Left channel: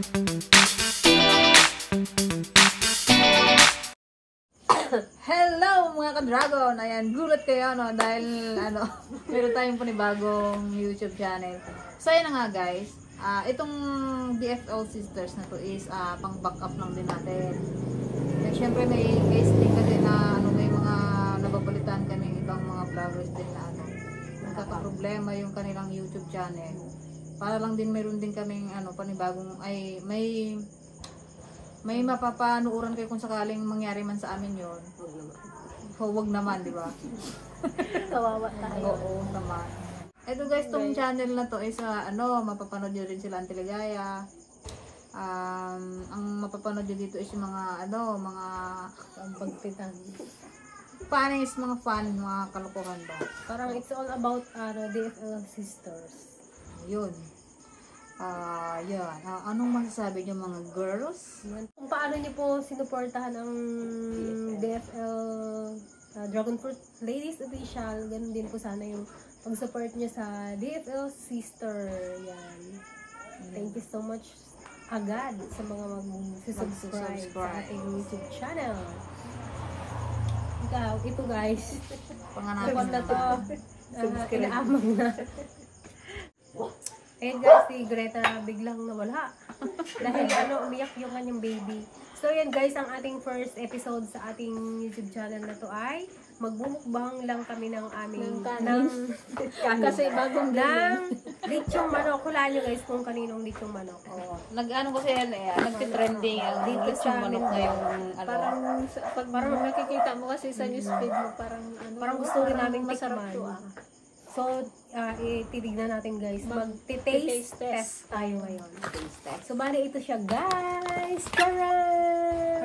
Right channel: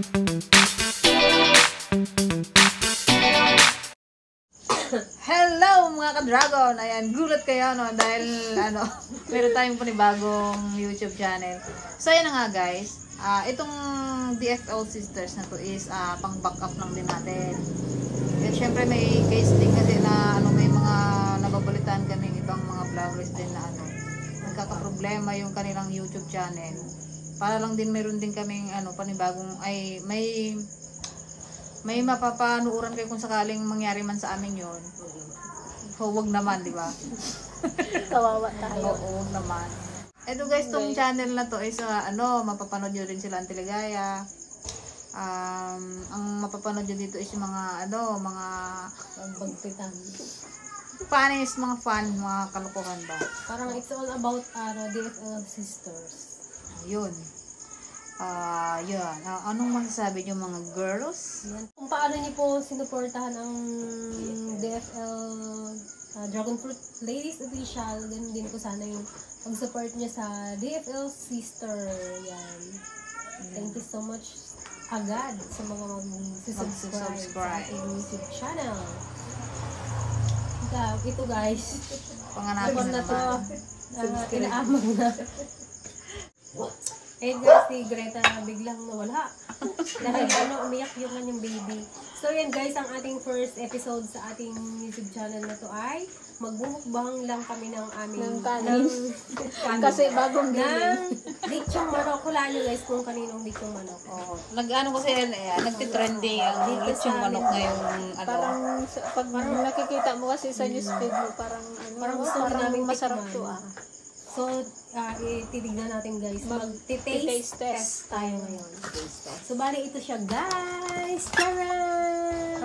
Hello mga ka-dragon! Ayan, gulat kayo no dahil meron tayong panibagong YouTube channel. So ayan na nga guys, itong DFL Sisters na to is pang backup lang din natin. At syempre may case din kasi na may mga nababalitaan kaming ibang mga vloggers din na nagkakaproblema yung kanilang YouTube channel. Para lang din meron din kaming panibagong may mapapanuuran kayo kung sakaling mangyari man sa amin yon. So, wag naman, di ba? Kawawa tayo. Oo, naman. Ito guys, tong channel na to is mapapanood nyo rin sila ang Teligaya. Ang mapapanood nyo dito is yung mga mga Bagtitan. funnies, mga fun, mga kalokohan ba. Parang it's all about DFL Sisters. Yun. Yun. Anong masasabi nyo mga girls? Yan. Kung paano nyo po sinuportahan ang DFL Dragon Fruit Ladies Official, ganun din po sana yung pag-support nyo sa DFL Sister. Yan. Thank you so much agad sa mga mag-subscribe sa ating YouTube channel. Ito guys, Panganapin na to, inaamang na. Eh guys, si Greta biglang nawala. Dahil umiyak yung kanyang baby. So yan guys, ang ating first episode sa ating YouTube channel na to ay magbumukbang lang kami ng aming kasi bagong ng lechong manok. Hulaan nyo guys kung kaninong lechong manok. Oo. Kasi nagtitrending ang dito lechong sa manok ngayong Parang nakikita mo kasi sa newsfeed mo, parang gusto rin namin masarap tikman. to So, titignan natin guys. Mag-taste test tayo ngayon. So, bali ito siya guys. Charan!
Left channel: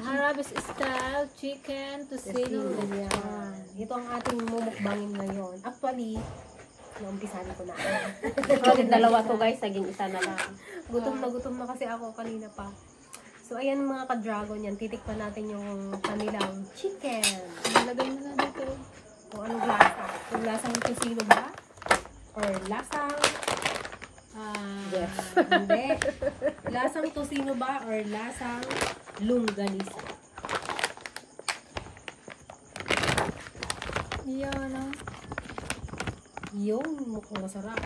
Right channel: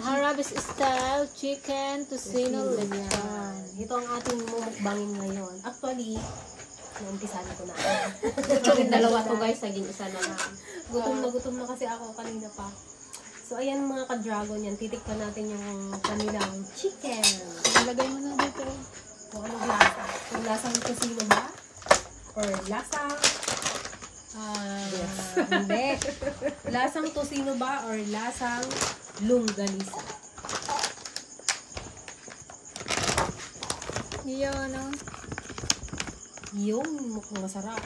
Harabas style chicken tocino lechon. Ito ang ating mumukbangin ngayon. Actually, naumpisahan ko na. Actually, dalawa to guys, naging isa na lang. Gutom na kasi ako kanina pa. So, ayan mga ka-dragon yan. Titikpan natin yung kanilang chicken. Ilagay mo na dito. Kung anong lasa. Kung lasang tocino ba? Or lasang hindi. Lasang tocino ba? Or lasang longganisa? Yung mukhang masarap.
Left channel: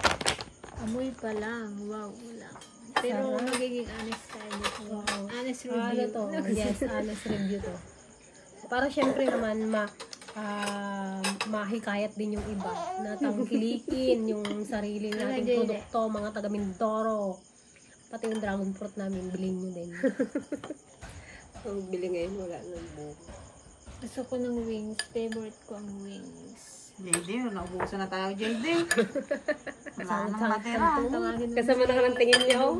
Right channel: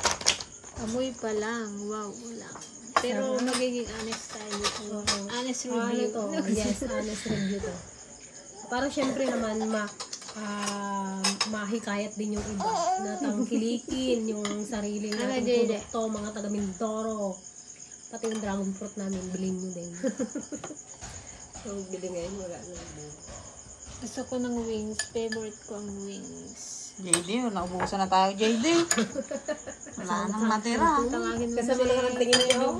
Amoy pa lang. Wow. Pero magiging honest tayo. Honest review. Ano to? Yes, honest review to. Para syempre naman mahikayat din yung iba na tangkilikin yung sarili nating produkto, mga taga Mindoro. Pati yung dragon fruit namin, bilhin nyo din. So, bili ngayon, wala nang buo. Gusto ko ng wings. Favorite ko ang wings. JD, naubusan na tayo JD. Wala nang matira. Kasama na ang tingin nyo.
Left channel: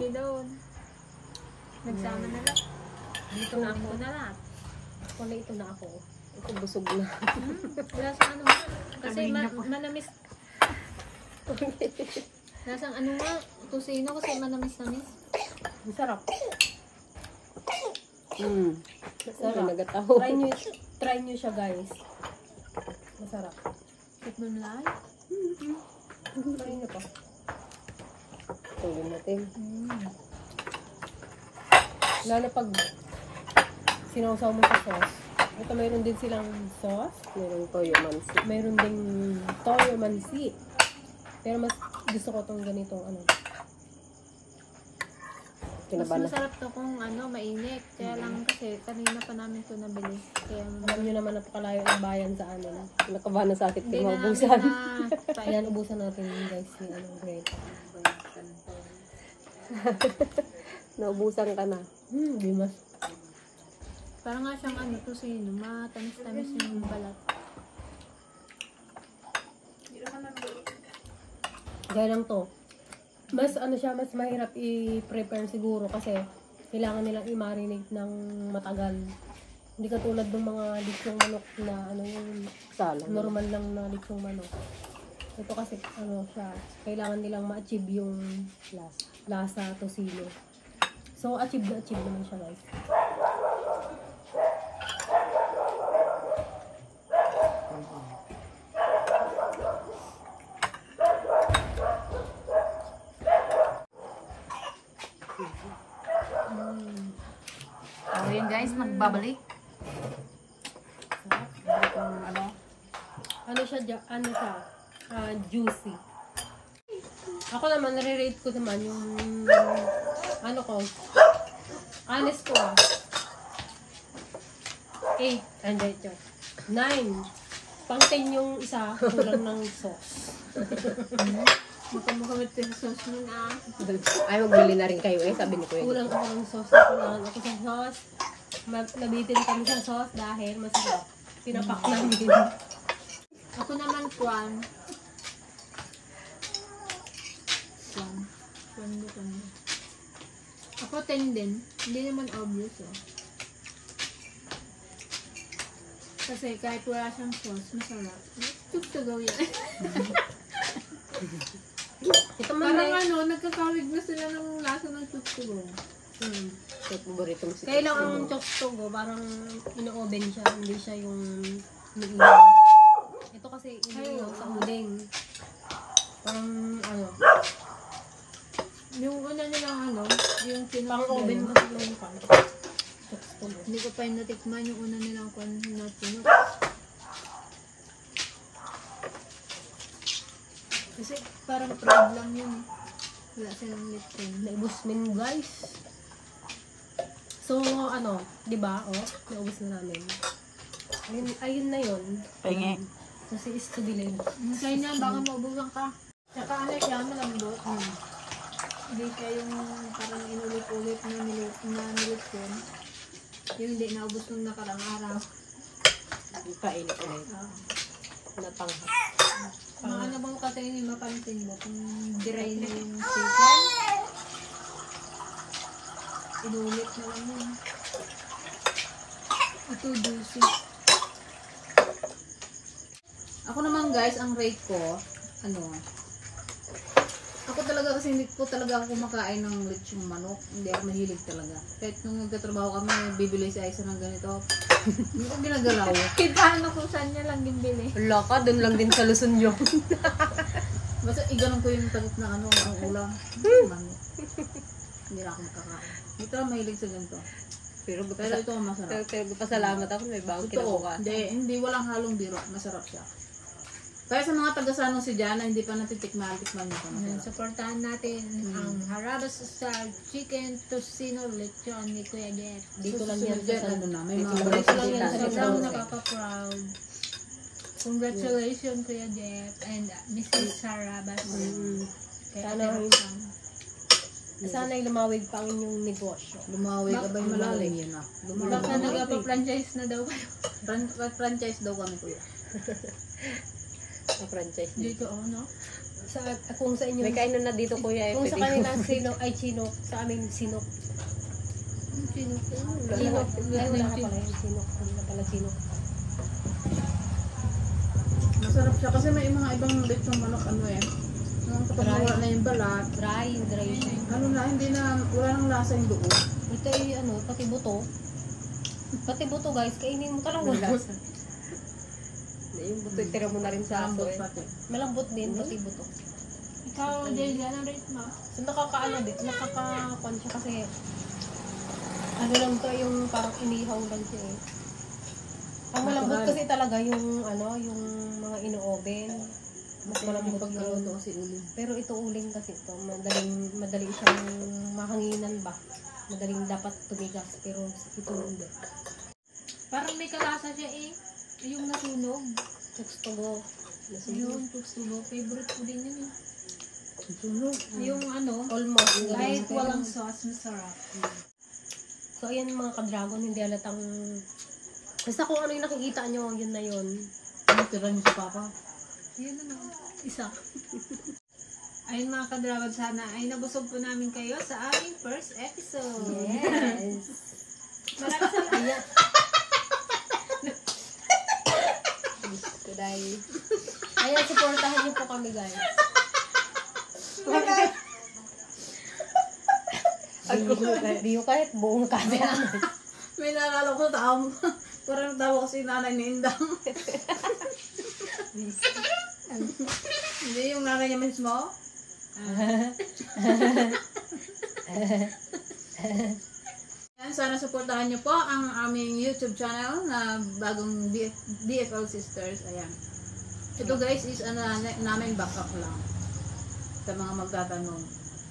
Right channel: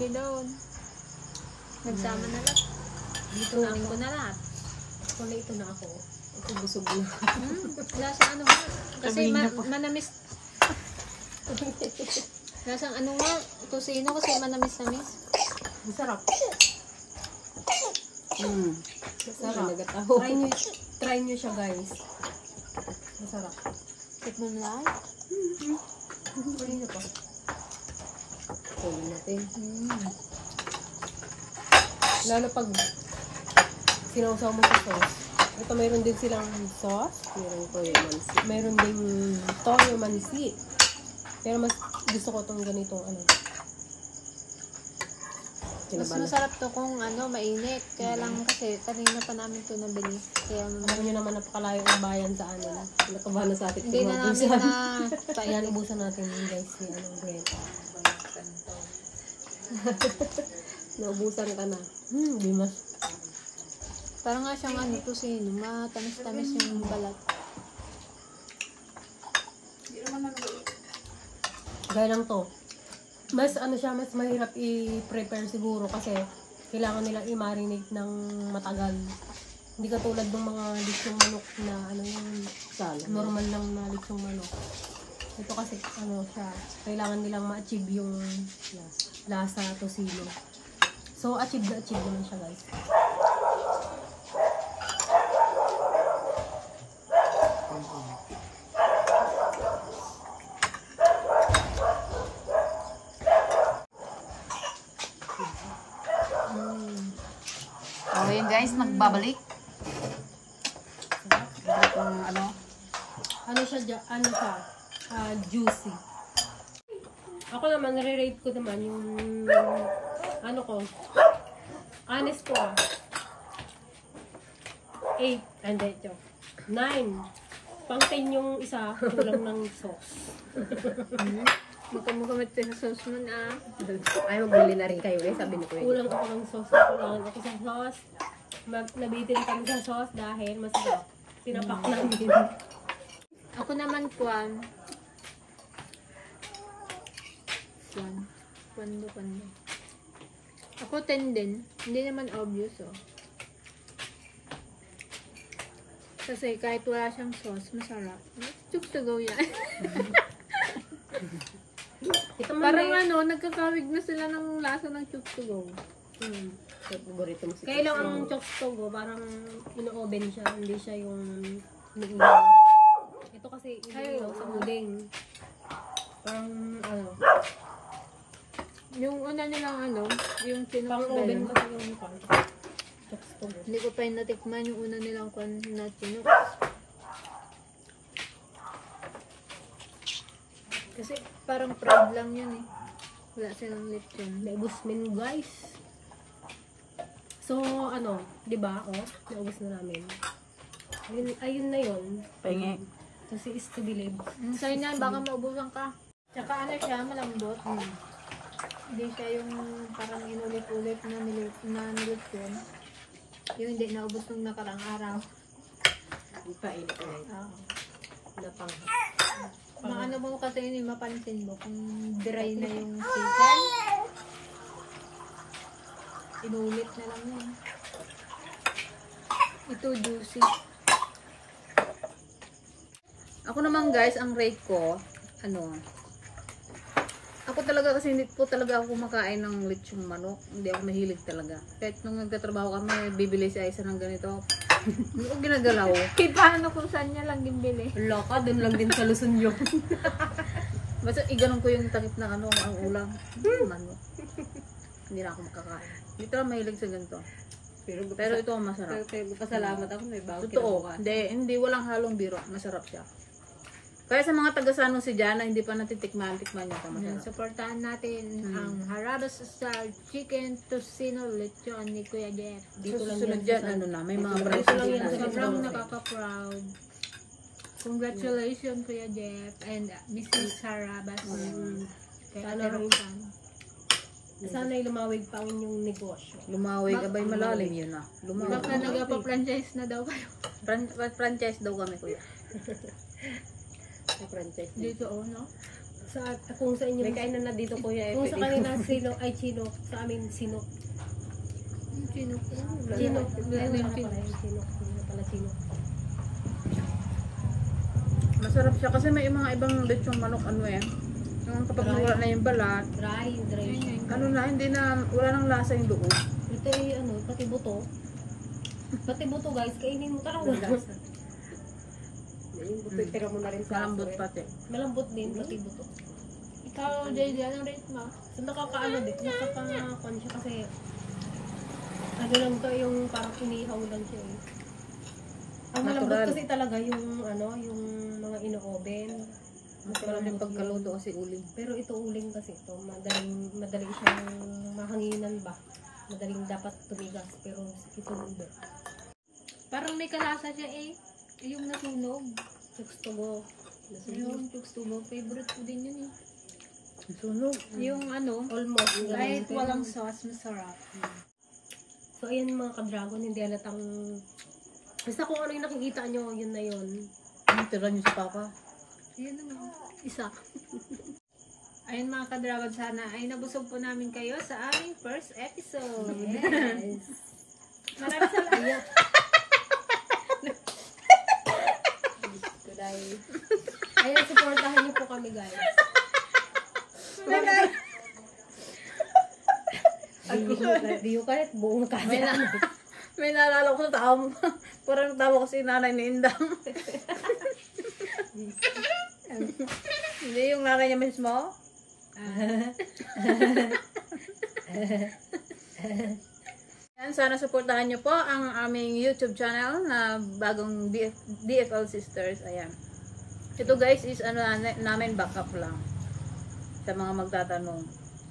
Nagsama na lang. Dito na ako. na lahat. Wala ito na ako. Ako busog na. Lasang ba? Kasi manamis. Lasang nga? Tocino kasi manamis-namis. Masarap. Masarap. Try nyo siya guys. Masarap. Tikman mo lang. Try nyo pa. Tulong natin. Lalo pag sinawsaw mo sa sauce. Ito mayroon din silang sauce. Mayroon ding toyo mansi. Pero mas gusto ko itong ganitong Mas masarap to kung mainit. Kaya lang kasi kanina pa namin to nabili. Kaya alam nyo naman napakalayo ang bayan sa amin. Nakabahan na sa atin. hindi na namin na Ayan, ubusan natin guys ni Greta. Naubusan ka na. Di mas. parang nga siyang tocino. Matamis-tamis yung balat. Gaya lang to. Mas mas mahirap i-prepare siguro kasi kailangan nilang i-marinate ng matagal. Hindi katulad ng mga lechong manok na normal lang na lechong manok. Ito kasi siya, kailangan nilang ma-achieve yung lasa tocino. So achieve naman siya guys. guys, nagbabalik. Itong Ano siya, juicy. Ako naman, nare-rate ko naman yung, ano ko, honest ko 8, and then, 9. Pang 10 yung isa, kulang ng sauce. Mukha-mukha sa sauce mo na. Ay, magbili na rin kayo sabi ni Kuya. Kulang ako ng sauce, kulangan ako sa sauce. Nabitin kami sa sauce dahil masarap. Pinapak namin. Ako naman, Kwan. Ako 10 din. Hindi naman obvious, oh. Kasi kahit wala siyang sauce, masarap. Chuk to go yan. Ito man Parang nagkakawig na sila ng lasa ng chuk to go. Paborito mo si Kaya lang ang chokstogo, parang ino-oven siya, hindi siya yung iniihaw. Ito kasi iniihaw sa uding. Parang Yung una nilang yung pang-oven pinaka kasi yung chokstogo. Hindi ko pa yung natikman yung una nilang kwan na pinok. Kasi parang fried lang yun eh. Wala silang lipton. Naubos min guys. So, di ba? Naubos na namin. Ayun na yun. Pengi. So, si is to believe. Sa'yo niyan, baka maubusan ka. Tsaka siya, malambot. Hindi siya yung parang inulit-ulit na nilipton. Yung hindi naubos nung nakarang araw. Kainit ulit. Napang. Mga mo kasi yun, mapansin mo kung dry na yung chicken. Inulit na lang yun. Ito juicy. Ako naman guys, ang rate ko, ako talaga kasi hindi ko talaga ako kumakain ng lechong manok. Hindi ako mahilig talaga. Kahit nung nagtatrabaho kami, bibili si Aisa ng ganito. Hindi ko ginagalaw. Kahit paano kung saan niya lang gimbili. Wala ka, doon lang din sa Luzon yun. Basta iganon ko yung takip na ang ulam. Manok. Hindi na ako makakain. Hindi talaga mahilig sa ganito. Pero ito ang masarap. Pero pasalamat ako, may bago Totoo. Hindi, walang halong biro. Masarap siya. Kaya sa mga taga-Sano si Jana, hindi pa natitikman niya ito. Yan, supportahan natin ang Harabas Style Chicken Tocino Lechon ni Kuya Jeff. Dito lang yan Dyan, sa may mga Ito lang yan, balot. sobrang nakaka-proud. Congratulations Kuya Jeff and Mrs. Harabas. Kay Ate Roxanne. Sana'y lumawig pa ang inyong negosyo. Lumaway ka ba yung malalim yun na? Baka nagpa-franchise na daw kayo. Franchise daw kami kuya. Sa franchise. Dito no? Kung sa inyo, May kainan na dito kuya. kung sa kanila Chinook, sa amin Sinok. Sinok. Sinok. Wala ka pala yung Sinok. Hindi na pala Sinok. Masarap siya kasi may mga ibang lechong manok yan. Kapag wala na yung balat, Dry siya. hindi na, wala nang lasa yung loob. Ito ay pati buto. Pati buto guys, kainin mo talaga. Yung buto, tira mo na rin sa Malambot aso. pati. Malambot din, pati buto. Ikaw, Daily, anong rate mo? So nakaka-kon siya kasi lang to yung parang inihaw lang siya eh. Ang malambot kasi talaga yung yung mga ino-oven. Mas malambot Pagkaluto yung kasi uling. pero ito uling kasi ito, madaling siyang mahanginan ba. Madaling dapat tumigas pero ito hindi. Parang may kalasa siya eh. Yung nasunog. Chokstogo. Yung tuksugo. Favorite ko din yun eh. Sunog. Yung Almost. kahit walang sauce, masarap. So ayan mga ka-dragon, hindi halatang basta kung ano yung nakikita nyo, yun na yun. Ano tira niyo sa papa? Yun naman. Isa. Ayun mga ka-dragon, sana ay nabusog po namin kayo sa aming first episode. Yes. Maraming salamat. Ayan, supportahan niyo po kami guys. Di yung kahit buong camera. May naalala ko sa taong, parang tawa ko si nanay ni Indang. Hindi yung nanay niya mismo? Yan, sana sana supportahan nyo po ang aming YouTube channel na bagong DFL Sisters. Ayan. Ito guys is namin backup lang sa mga magtatanong.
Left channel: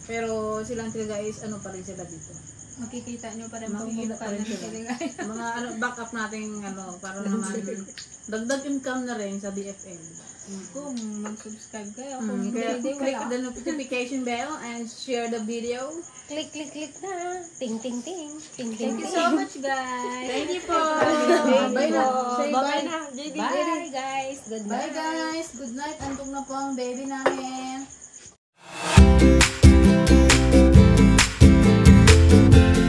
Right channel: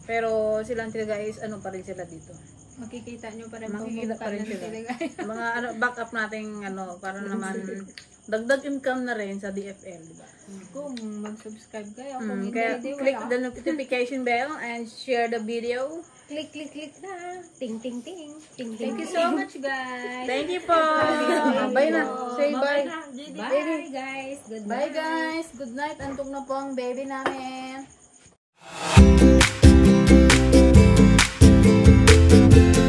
Pero silang talaga is pa rin sila dito. Makikita nyo pa rin Makikita pagmumukha pa rin ng sila. sila guys. Mga backup nating para naman dagdag income na rin sa DFL. Kung mag-subscribe kayo, kung hindi, Kaya hindi click wala. the notification bell and share the video. Click na. Ting, ting, ting. Ting, ting, Thank you so much guys. Thank you po. Bye na. Say bye. na. JD. Bye, guys. Good night. Bye guys. Good night. Antong na po ang baby namin.